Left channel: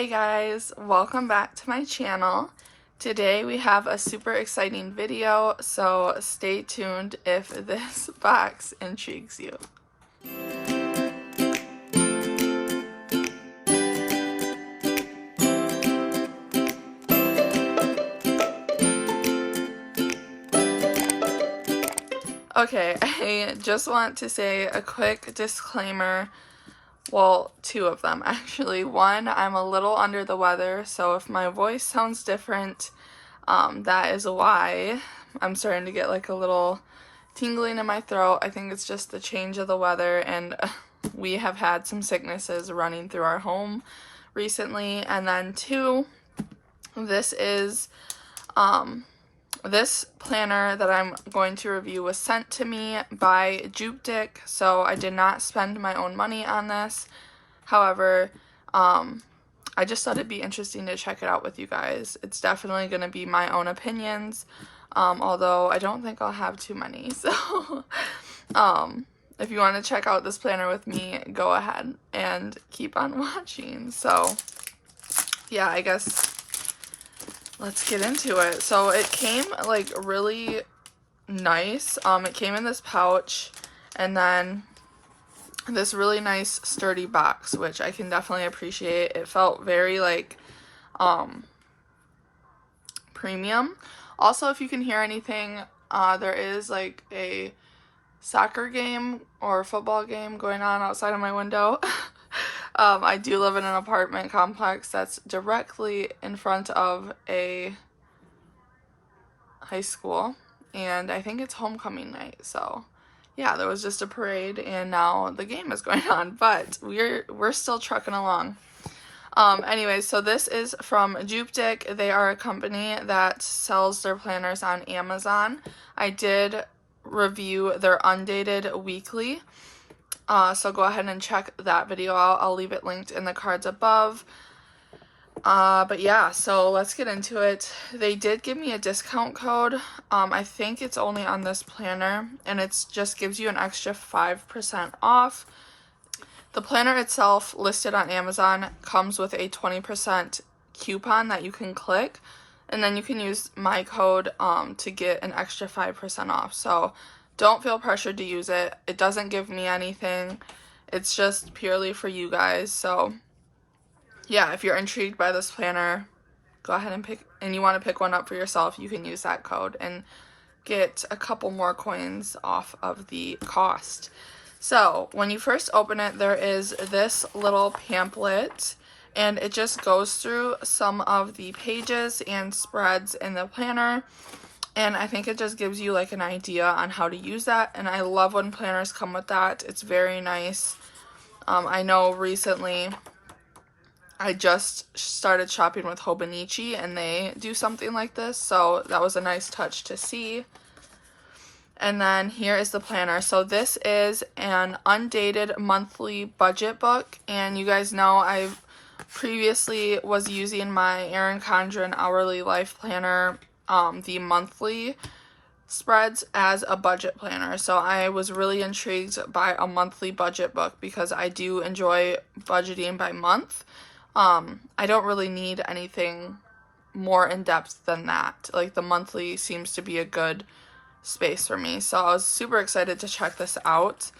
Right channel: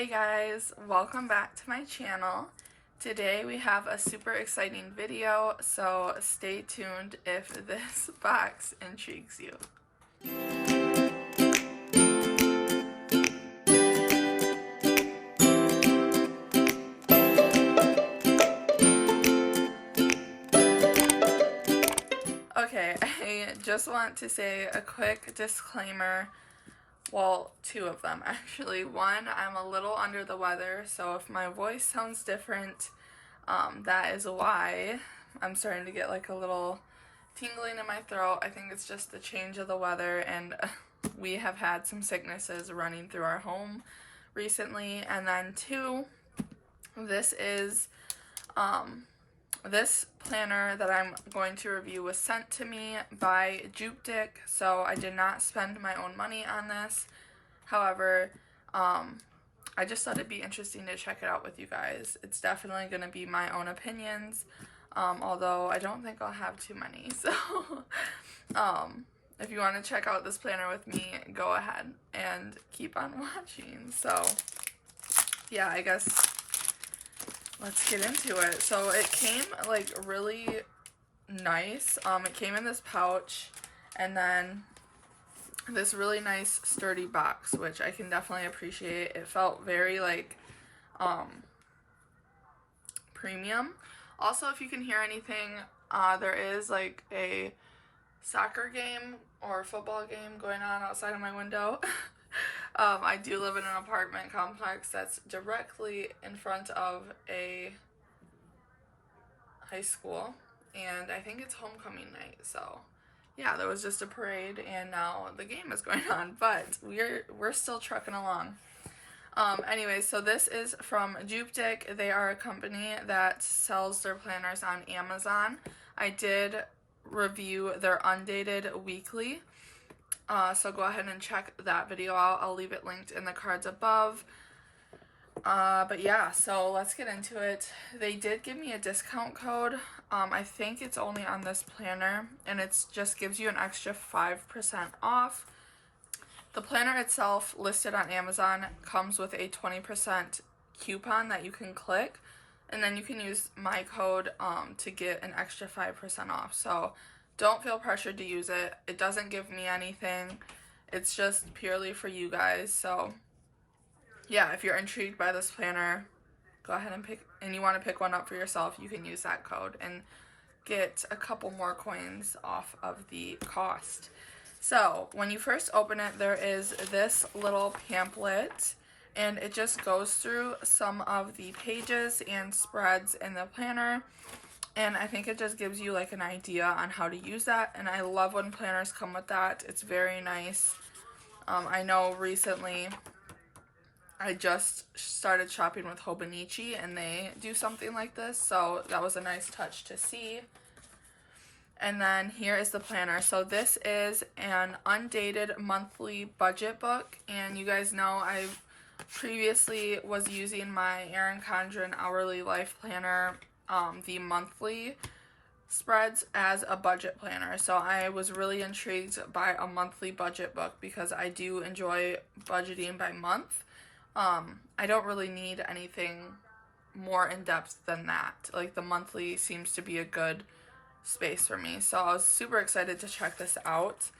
Hey guys, welcome back to my channel. Today we have a super exciting video, so stay tuned if this box intrigues you. Okay, I just want to say a quick disclaimer. Well, two of them actually. One, I'm a little under the weather, so if my voice sounds different, that is why. I'm starting to get like a little tingling in my throat. I think it's just the change of the weather, and we have had some sicknesses running through our home recently. And then two, this is this planner that I'm going to review was sent to me by JUBTIC, so I did not spend my own money on this. However, I just thought it'd be interesting to check it out with you guys. It's definitely going to be my own opinions, although I don't think I'll have too many. So if you want to check out this planner with me, go ahead and keep on watching. So yeah, I guess let's get into it. So it came like really nice. It came in this pouch and then this really nice sturdy box, which I can definitely appreciate. It felt very like premium. Also, if you can hear anything, there is like a soccer game or football game going on outside of my window. I do live in an apartment complex that's directly in front of a high school, and I think it's homecoming night, so yeah, there was just a parade and now the game is going on, but we're still trucking along. Anyway, so this is from JUBTIC. They are a company that sells their planners on Amazon. I did review their Undated weekly. So go ahead and check that video out. I'll leave it linked in the cards above. But yeah, so let's get into it. They did give me a discount code. I think it's only on this planner, and it just gives you an extra 5% off. The planner itself, listed on Amazon, comes with a 20% coupon that you can click, and then you can use my code to get an extra 5% off. So don't feel pressured to use it. It doesn't give me anything. It's just purely for you guys. So yeah, if you're intrigued by this planner, go ahead and you want to pick one up for yourself, you can use that code and get a couple more coins off of the cost. So when you first open it, there is this little pamphlet, and it just goes through some of the pages and spreads in the planner. And I think it just gives you like an idea on how to use that. And I love when planners come with that. It's very nice. I know recently I just started shopping with Hobonichi and they do something like this. So that was a nice touch to see. And then here is the planner. So this is an Undated monthly budget book. And you guys know I previously was using my Erin Condren Hourly Life Planner, the monthly spreads, as a budget planner. So I was really intrigued by a monthly budget book because I do enjoy budgeting by month. I don't really need anything more in depth than that. Like the monthly seems to be a good space for me. So I was super excited to check this out.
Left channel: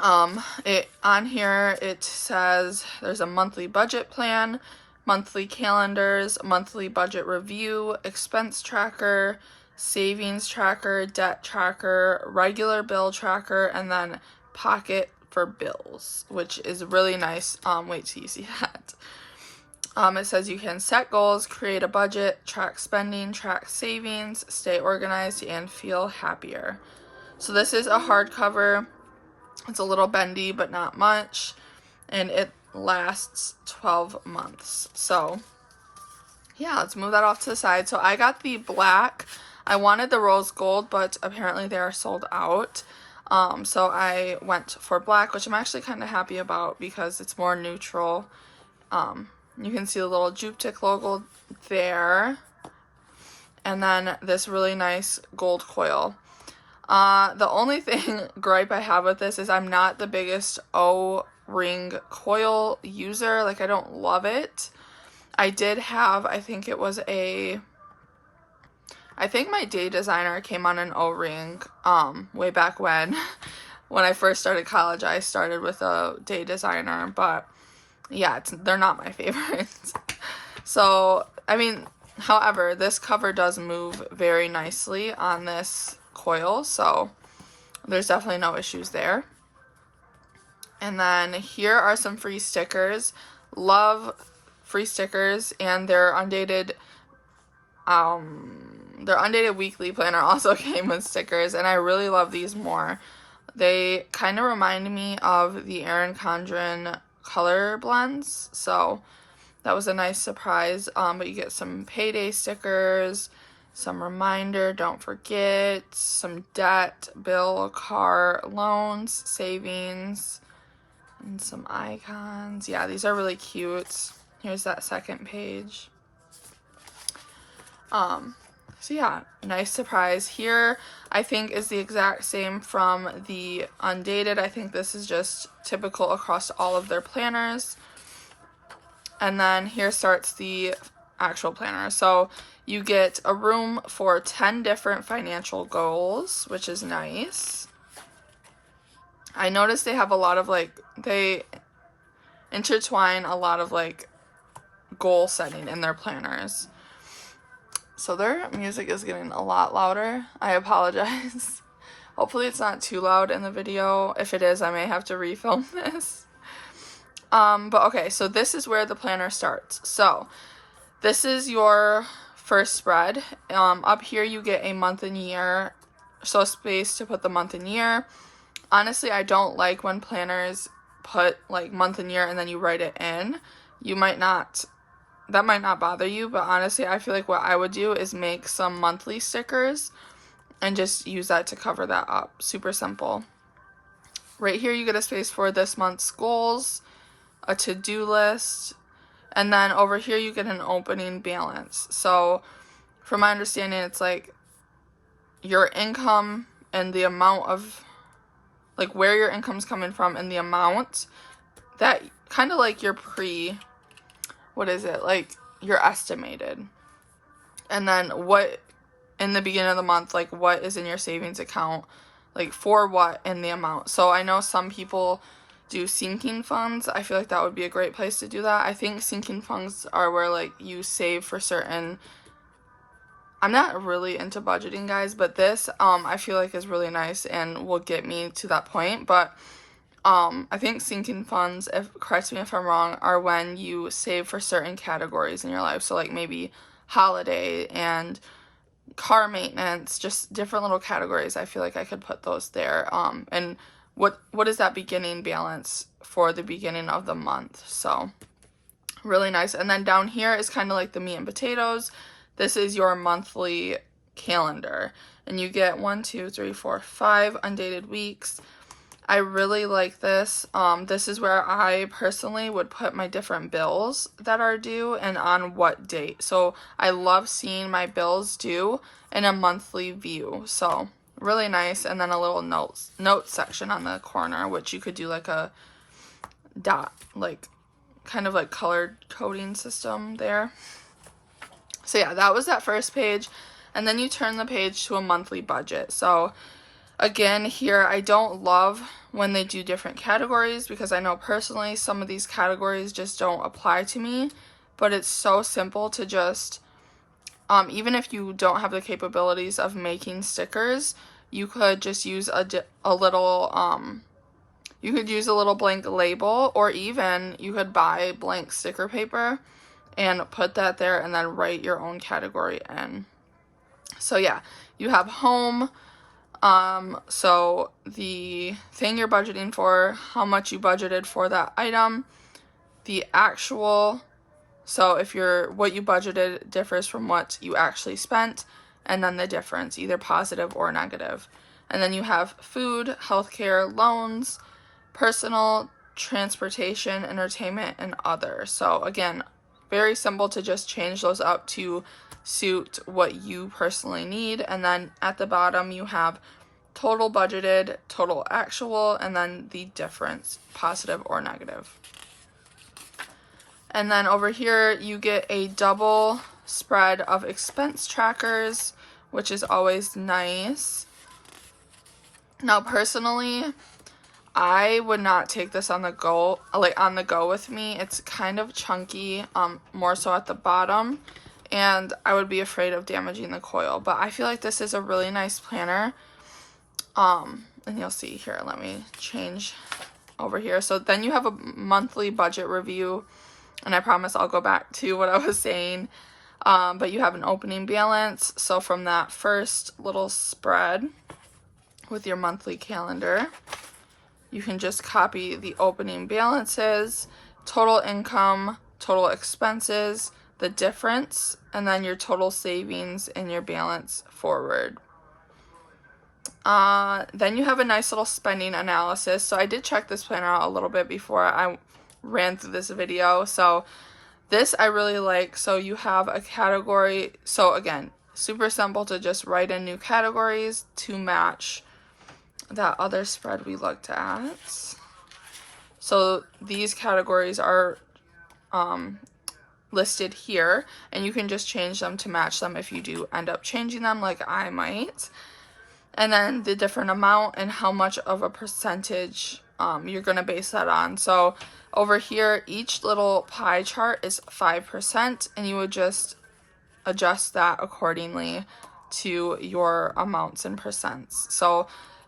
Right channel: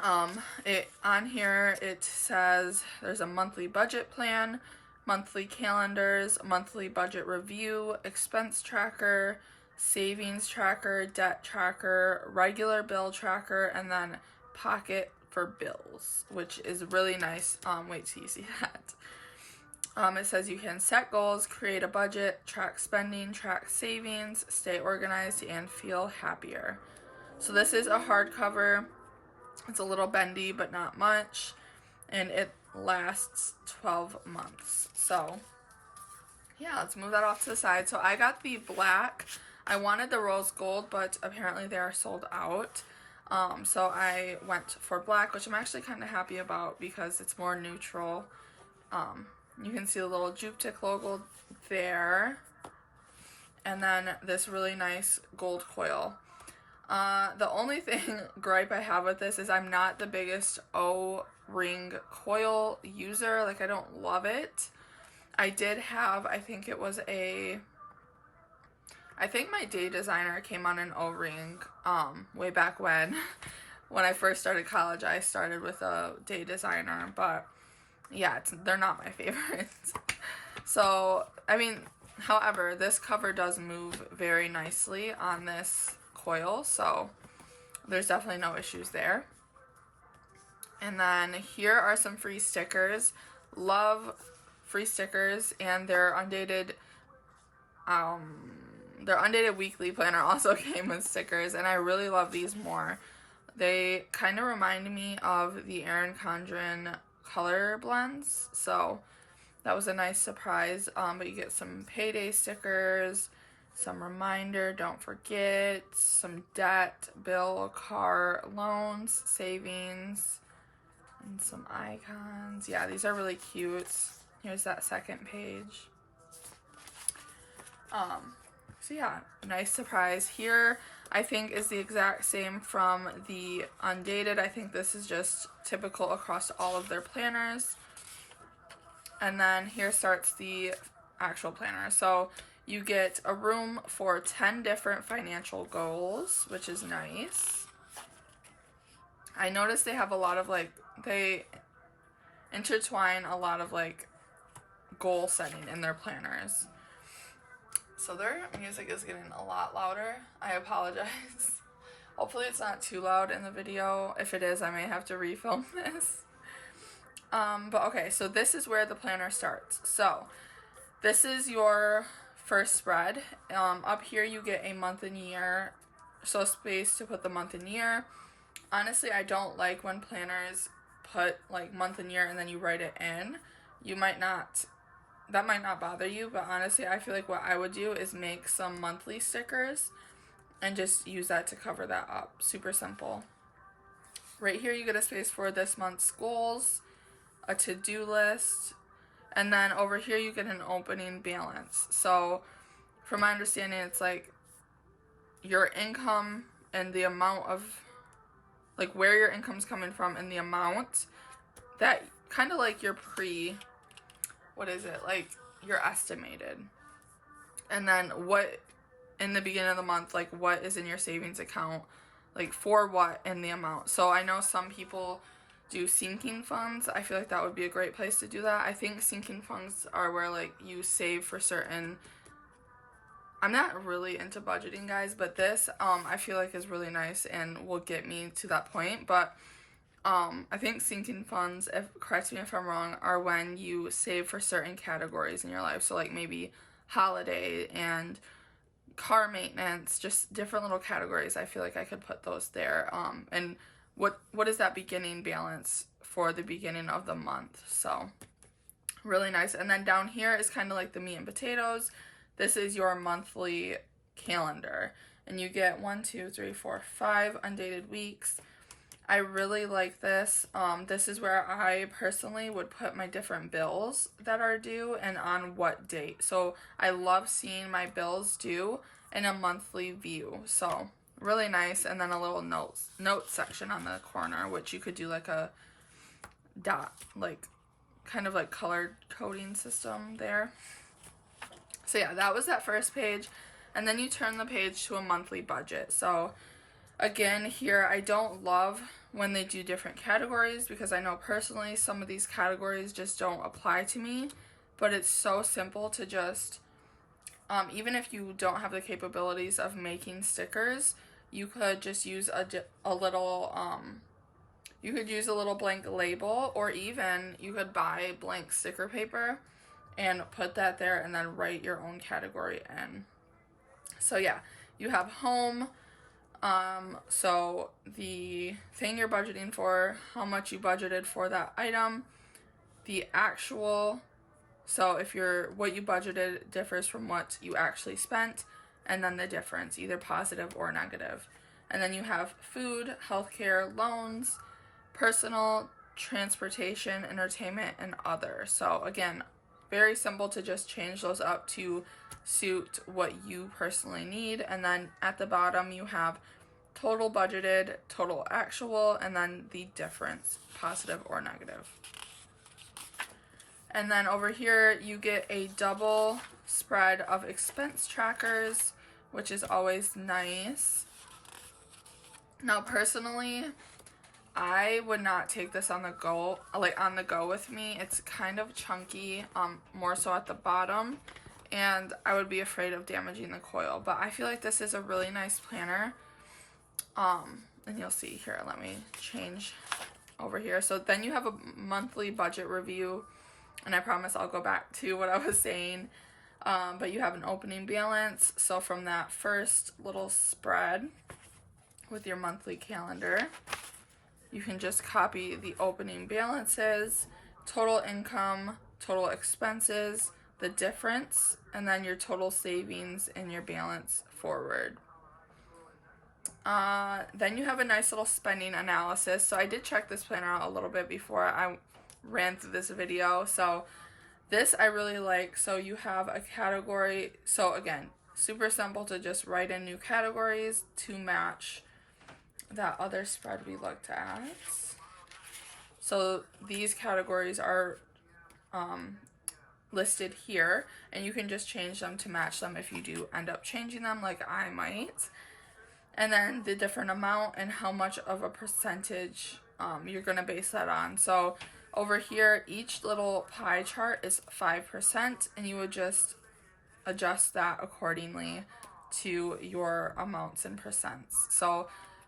On here it says there's a monthly budget plan, monthly calendars, monthly budget review, expense tracker, savings tracker, debt tracker, regular bill tracker, and then pocket for bills, which is really nice. Wait till you see that. It says you can set goals, create a budget, track spending, track savings, stay organized, and feel happier. So this is a hardcover. It's a little bendy, but not much, and it lasts 12 months. So yeah, let's move that off to the side. So I got the black. I wanted the rose gold, but apparently they are sold out. So I went for black, which I'm actually kind of happy about because it's more neutral. You can see the little JUBTIC logo there, and then this really nice gold coil. The only gripe I have with this is I'm not the biggest ring coil user. Like, I don't love it. I did have, I think my day designer came on an O-ring way back when. When I first started college, I started with a day designer, but yeah, they're not my favorites. So, I mean, however, this cover does move very nicely on this coil, so there's definitely no issues there. And then here are some free stickers. Love free stickers, and their Undated weekly planner also came with stickers, and I really love these more. They kind of remind me of the Erin Condren color blends, so that was a nice surprise. But you get some payday stickers, some reminder, don't forget, some debt, bill, car loans, savings, and some icons. Yeah, these are really cute. Here's that second page. So yeah, nice surprise. Here, I think, is the exact same from the Undated. I think this is just typical across all of their planners. And then here starts the actual planner. So you get a room for 10 different financial goals, which is nice. I noticed they have a lot of, like, they intertwine a lot of, like, goal setting in their planners. So their music is getting a lot louder. I apologize. Hopefully it's not too loud in the video. If it is, I may have to refilm this. But okay, so this is where the planner starts. So this is your first spread. Up here you get a month and year, so space to put the month and year. Honestly, I don't like when planners put like month and year and then you write it in. That might not bother you, but honestly, I feel like what I would do is make some monthly stickers and just use that to cover that up. Super simple. Right here, you get a space for this month's goals, a to-do list, and then over here, you get an opening balance. So, from my understanding, it's like your income and the amount of, like, where your income's coming from and the amount that kind of like your like your estimated, and then what in the beginning of the month, like what is in your savings account, like for what and the amount. So I know some people do sinking funds. I feel like that would be a great place to do that. I think sinking funds are where like you save for certain, I'm not really into budgeting, guys, but this I feel like is really nice and will get me to that point. But I think sinking funds, correct me if I'm wrong, are when you save for certain categories in your life. So like maybe holiday and car maintenance, just different little categories. I feel like I could put those there. And what is that beginning balance for the beginning of the month? So really nice. And then down here is kind of like the meat and potatoes. This is your monthly calendar, and you get 1, 2, 3, 4, 5 undated weeks. I really like this. This is where I personally would put my different bills that are due and on what date. So I love seeing my bills due in a monthly view. So really nice. And then a little notes section on the corner, which you could do like a dot, like kind of like colored coding system there. So yeah, that was that first page. And then you turn the page to a monthly budget. So again, here, I don't love when they do different categories because I know personally some of these categories just don't apply to me, but it's so simple to just, even if you don't have the capabilities of making stickers, you could just use a little, you could use a little blank label, or even you could buy blank sticker paper and put that there and then write your own category in. So yeah, you have home. So the thing you're budgeting for, how much you budgeted for that item, the actual, so if what you budgeted differs from what you actually spent, and then the difference, either positive or negative. And then you have food, healthcare, loans, personal, transportation, entertainment, and other. So again, very simple to just change those up to suit what you personally need. And then at the bottom you have total budgeted, total actual, and then the difference, positive or negative. And then over here, you get a double spread of expense trackers, which is always nice. Now, personally, I would not take this on the go, with me. It's kind of chunky, more so at the bottom, and I would be afraid of damaging the coil. But I feel like this is a really nice planner. And you'll see here, let me change over here. So then you have a monthly budget review, and I promise I'll go back to what I was saying. But you have an opening balance. So from that first little spread with your monthly calendar, you can just copy the opening balances, total income, total expenses, the difference, and then your total savings and your balance forward. Then you have a nice little spending analysis. So I did check this planner out a little bit before I ran through this video. So this I really like. So you have a category. So again, super simple to just write in new categories to match that other spread we looked at. So these categories are listed here, and you can just change them to match them if you do end up changing them, like I might. And then the different amount and how much of a percentage you're going to base that on. So over here, each little pie chart is 5%, and you would just adjust that accordingly to your amounts and percents. So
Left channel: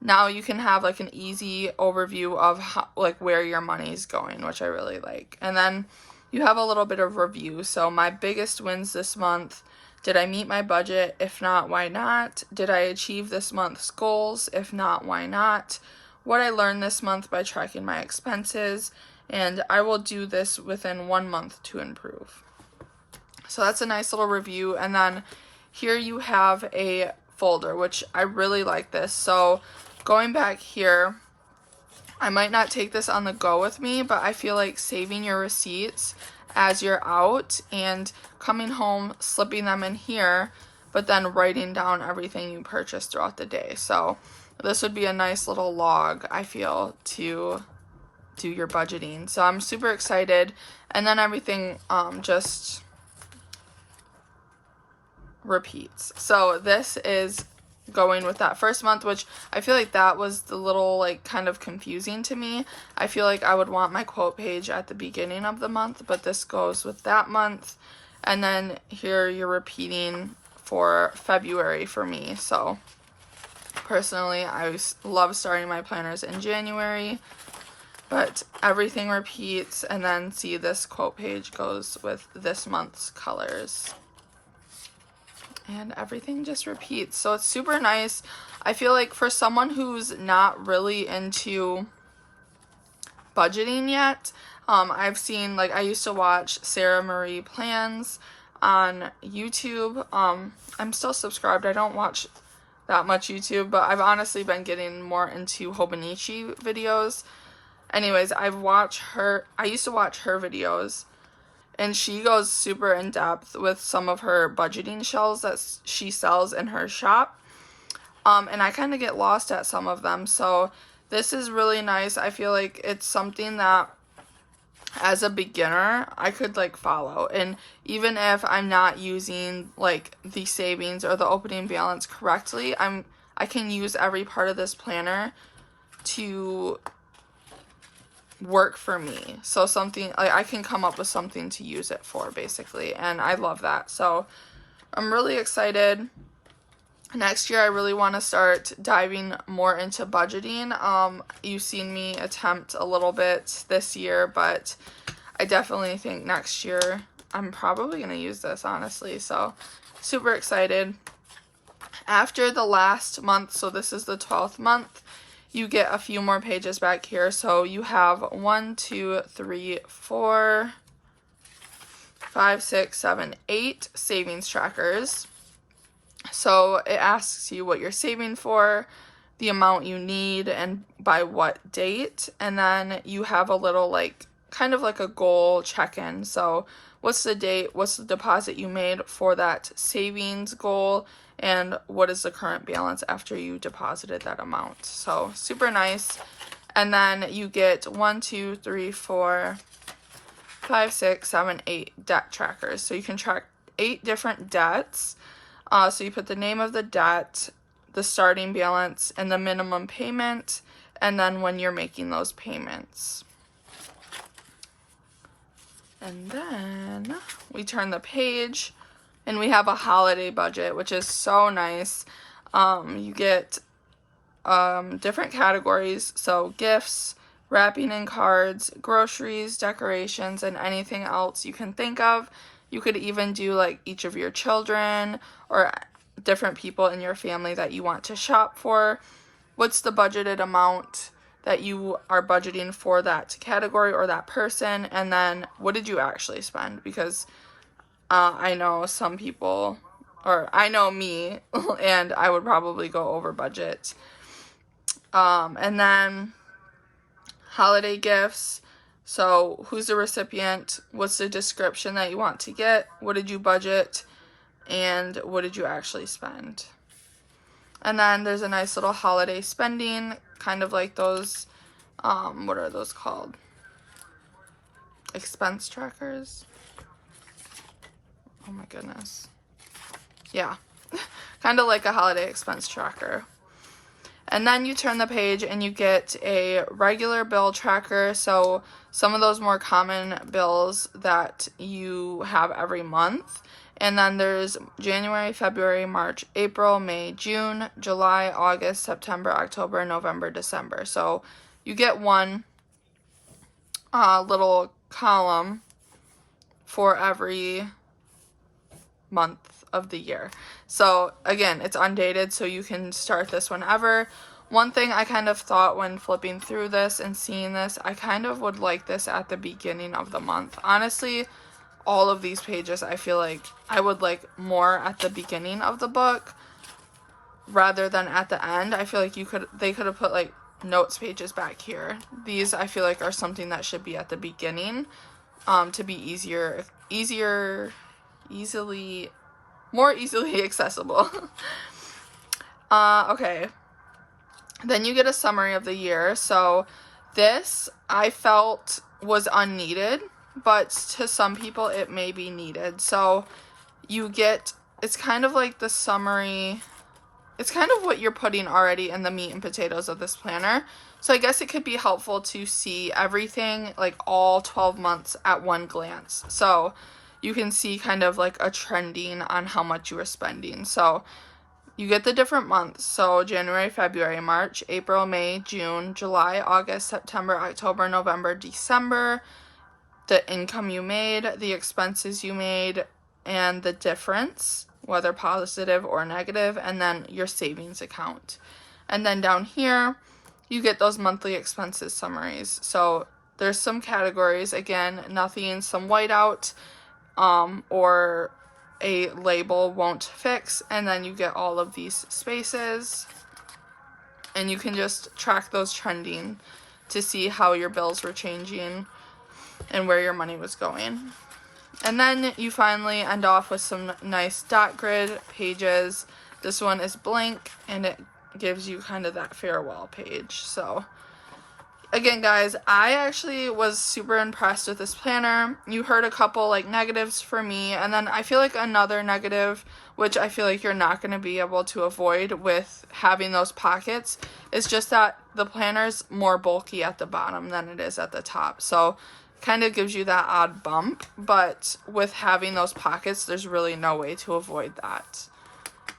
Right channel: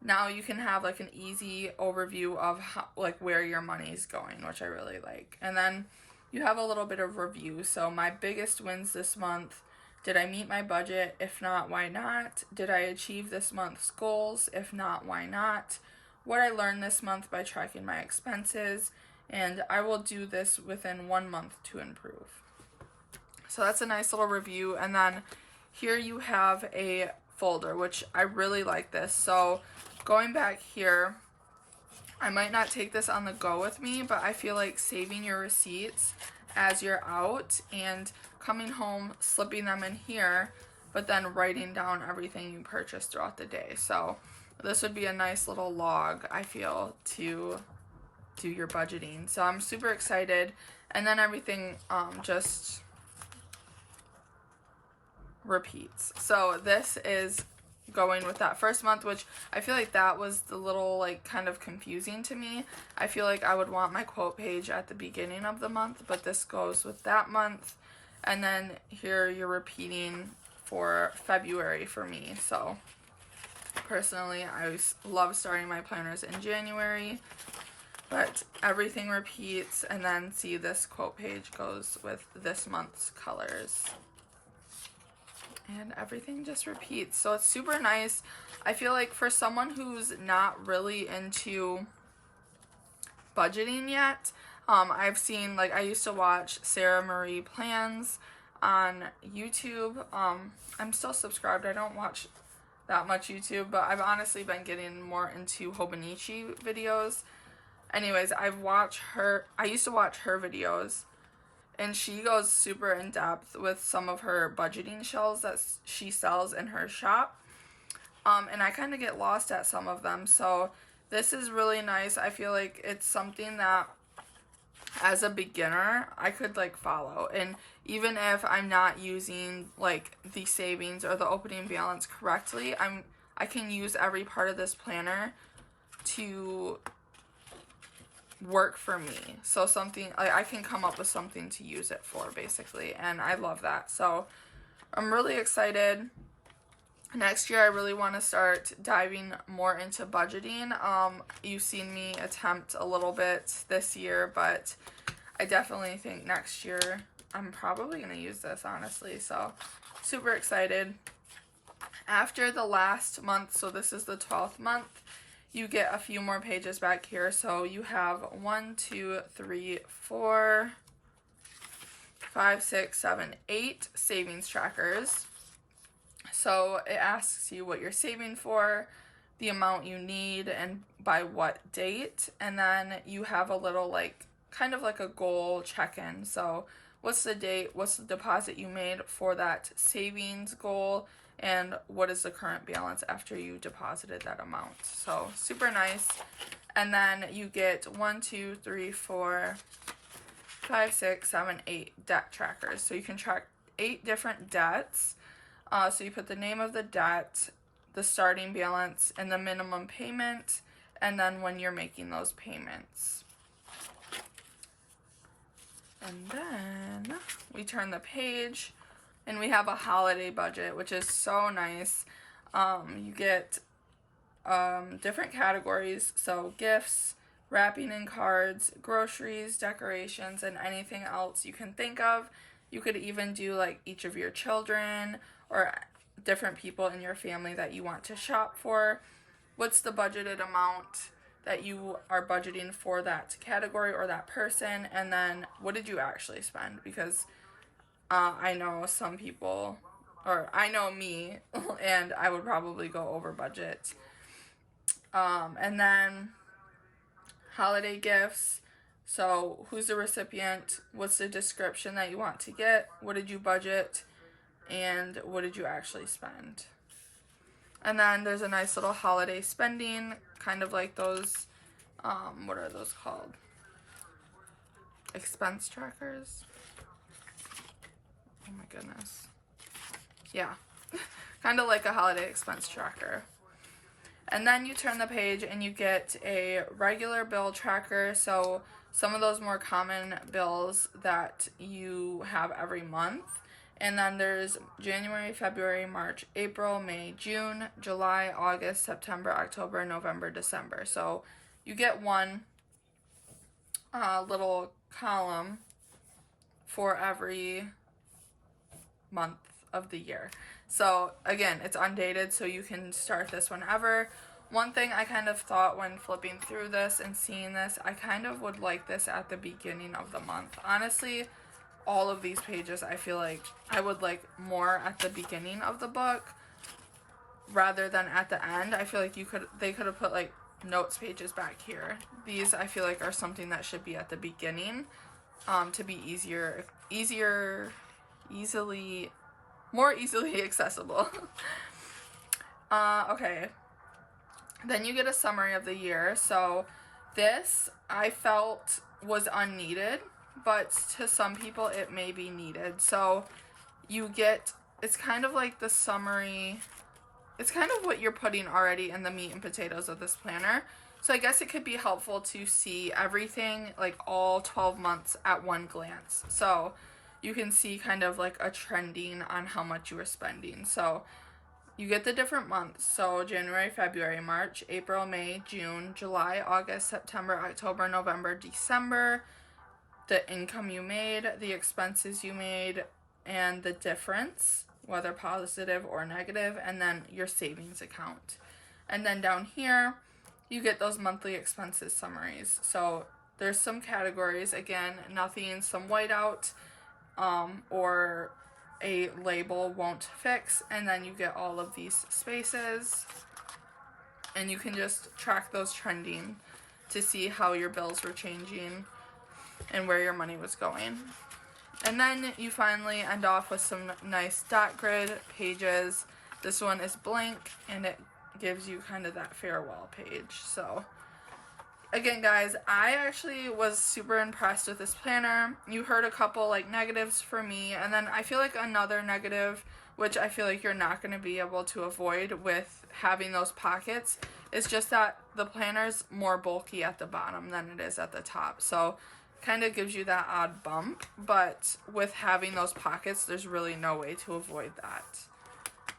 now you can have like an easy overview of how, like where your money is going, which I really like. And then you have a little bit of review. So my biggest wins this month. Did I meet my budget? If not, why not? Did I achieve this month's goals? If not, why not? What I learned this month by tracking my expenses. And I will do this within 1 month to improve. So that's a nice little review. And then here you have a folder, which I really like this. So going back here, I might not take this on the go with me, but I feel like saving your receipts as you're out and coming home, slipping them in here, but then writing down everything you purchased throughout the day. So this would be a nice little log, I feel, to do your budgeting. So I'm super excited. And then everything just repeats. So this is going with that first month, which I feel like that was the little like kind of confusing to me. I feel like I would want my quote page at the beginning of the month, but this goes with that month. And then here you're repeating for February for me. So personally, I love starting my planners in January, but everything repeats. And then see, this quote page goes with this month's colors. And everything just repeats. So it's super nice. I feel like for someone who's not really into budgeting yet, I've seen, like, I used to watch Sarah Marie Plans on YouTube. I'm still subscribed. I don't watch that much YouTube, but I've honestly been getting more into Hobonichi videos. Anyways, I used to watch her videos, and she goes super in depth with some of her budgeting shells that she sells in her shop. And I kind of get lost at some of them. So this is really nice. I feel like it's something that as a beginner, I could like follow. And even if I'm not using like the savings or the opening balance correctly, I can use every part of this planner to work for me. So something like I can come up with something to use it for, basically, and I love that. So I'm really excited. Next year I really want to start diving more into budgeting. You've seen me attempt a little bit this year, but I definitely think next year I'm probably going to use this, honestly. So super excited. After the last month, so this is the 12th month, you get a few more pages back here. So you have 1, 2, 3, 4, 5, 6, 7, 8 savings trackers. So it asks you what you're saving for, the amount you need, and by what date. And then you have a little like kind of like a goal check-in. So what's the date, what's the deposit you made for that savings goal, and what is the current balance after you deposited that amount. So super nice. And then you get 1, 2, 3, 4, 5, 6, 7, 8 debt trackers. So you can track 8 different debts. So you put the name of the debt, the starting balance, and the minimum payment, and then when you're making those payments. And then we turn the page and we have a holiday budget, which is so nice. You get different categories, so gifts, wrapping and cards, groceries, decorations, and anything else you can think of. You could even do like each of your children or different people in your family that you want to shop for. What's the budgeted amount that you are budgeting for that category or that person, and then what did you actually spend? Because I know some people, or I know me, and I would probably go over budget. And then holiday gifts. So who's the recipient? What's the description that you want to get? What did you budget? And what did you actually spend? And then there's a nice little holiday spending, kind of like those, what are those called? Expense trackers. Oh my goodness. Yeah, kind of like a holiday expense tracker. And then you turn the page and you get a regular bill tracker. So some of those more common bills that you have every month. And then there's January, February, March, April, May, June, July, August, September, October, November, December. So you get one little column for every month of the year. So again, it's undated, so you can start this whenever. One thing I kind of thought when flipping through this and seeing this, I kind of would like this at the beginning of the month. Honestly, all of these pages, I feel like I would like more at the beginning of the book rather than at the end. I feel like they could have put like notes pages back here. These I feel like are something that should be at the beginning, to be more easily accessible. Okay. Then you get a summary of the year. So this I felt was unneeded, but to some people it may be needed. So you get, it's kind of like the summary, it's kind of what you're putting already in the meat and potatoes of this planner. So I guess it could be helpful to see everything, like all 12 months at one glance. So you can see kind of like a trending on how much you are spending. So you get the different months. So January, February, March, April, May, June, July, August, September, October, November, December, the income you made, the expenses you made, and the difference, whether positive or negative, and then your savings account. And then down here, you get those monthly expenses summaries. So there's some categories, again, nothing, some whiteout, or a label won't fix, and then you get all of these spaces, and you can just track those trending to see how your bills were changing and where your money was going. And then you finally end off with some nice dot grid pages. This one is blank, and it gives you kind of that farewell page. So again, guys, I actually was super impressed with this planner. You heard a couple like negatives for me, and then I feel like another negative, which I feel like you're not going to be able to avoid with having those pockets, is just that the planner's more bulky at the bottom than it is at the top. So kind of gives you that odd bump, but with having those pockets, there's really no way to avoid that.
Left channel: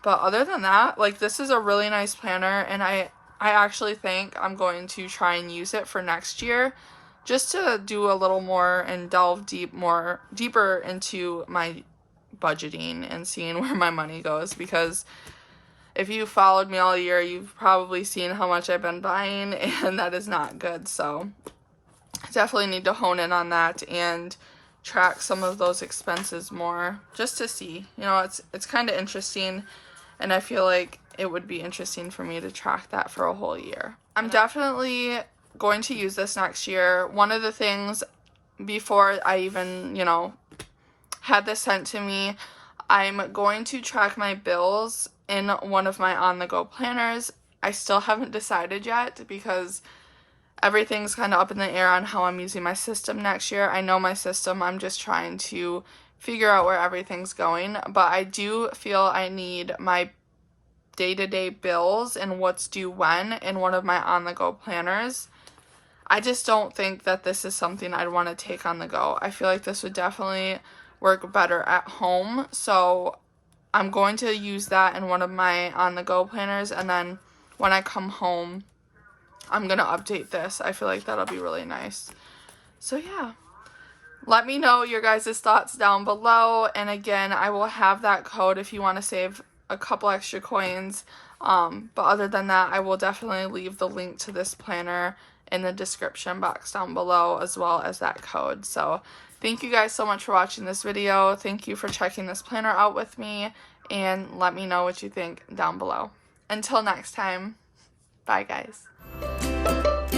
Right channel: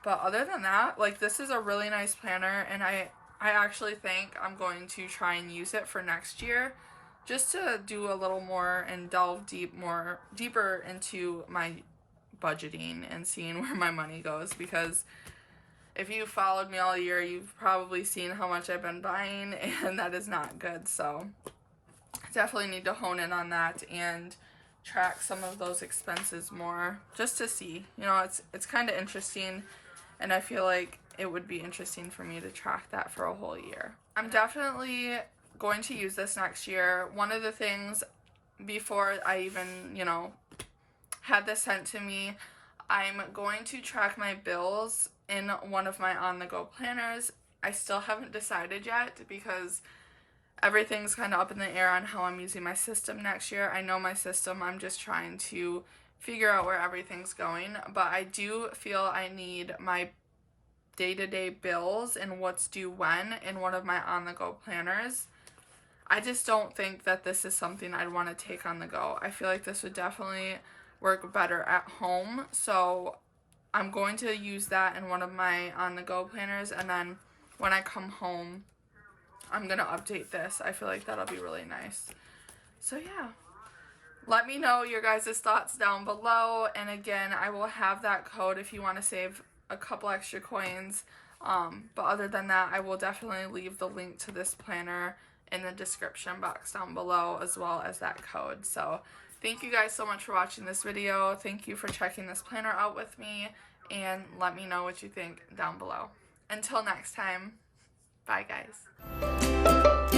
But other than that, like, this is a really nice planner, and I actually think I'm going to try and use it for next year, just to do a little more and delve deeper into my budgeting and seeing where my money goes, because if you followed me all year, you've probably seen how much I've been buying, and that is not good. So definitely need to hone in on that and track some of those expenses more, just to see, you know, it's kind of interesting, and I feel like it would be interesting for me to track that for a whole year. I'm definitely going to use this next year. One of the things before I even, you know, had this sent to me, I'm going to track my bills in one of my on-the-go planners. I still haven't decided yet because everything's kind of up in the air on how I'm using my system next year. I know my system, I'm just trying to figure out where everything's going, but I do feel I need my day-to-day bills and what's due when in one of my on-the-go planners. I just don't think that this is something I'd want to take on the go. I feel like this would definitely work better at home, so I'm going to use that in one of my on-the-go planners, and then when I come home, I'm going to update this. I feel like that'll be really nice. So yeah, let me know your guys' thoughts down below, and again, I will have that code if you want to save a couple extra coins, but other than that, I will definitely leave the link to this planner in the description box down below, as well as that code. So thank you guys so much for watching this video. Thank you for checking this planner out with me, and let me know what you think down below. Until next time, bye guys.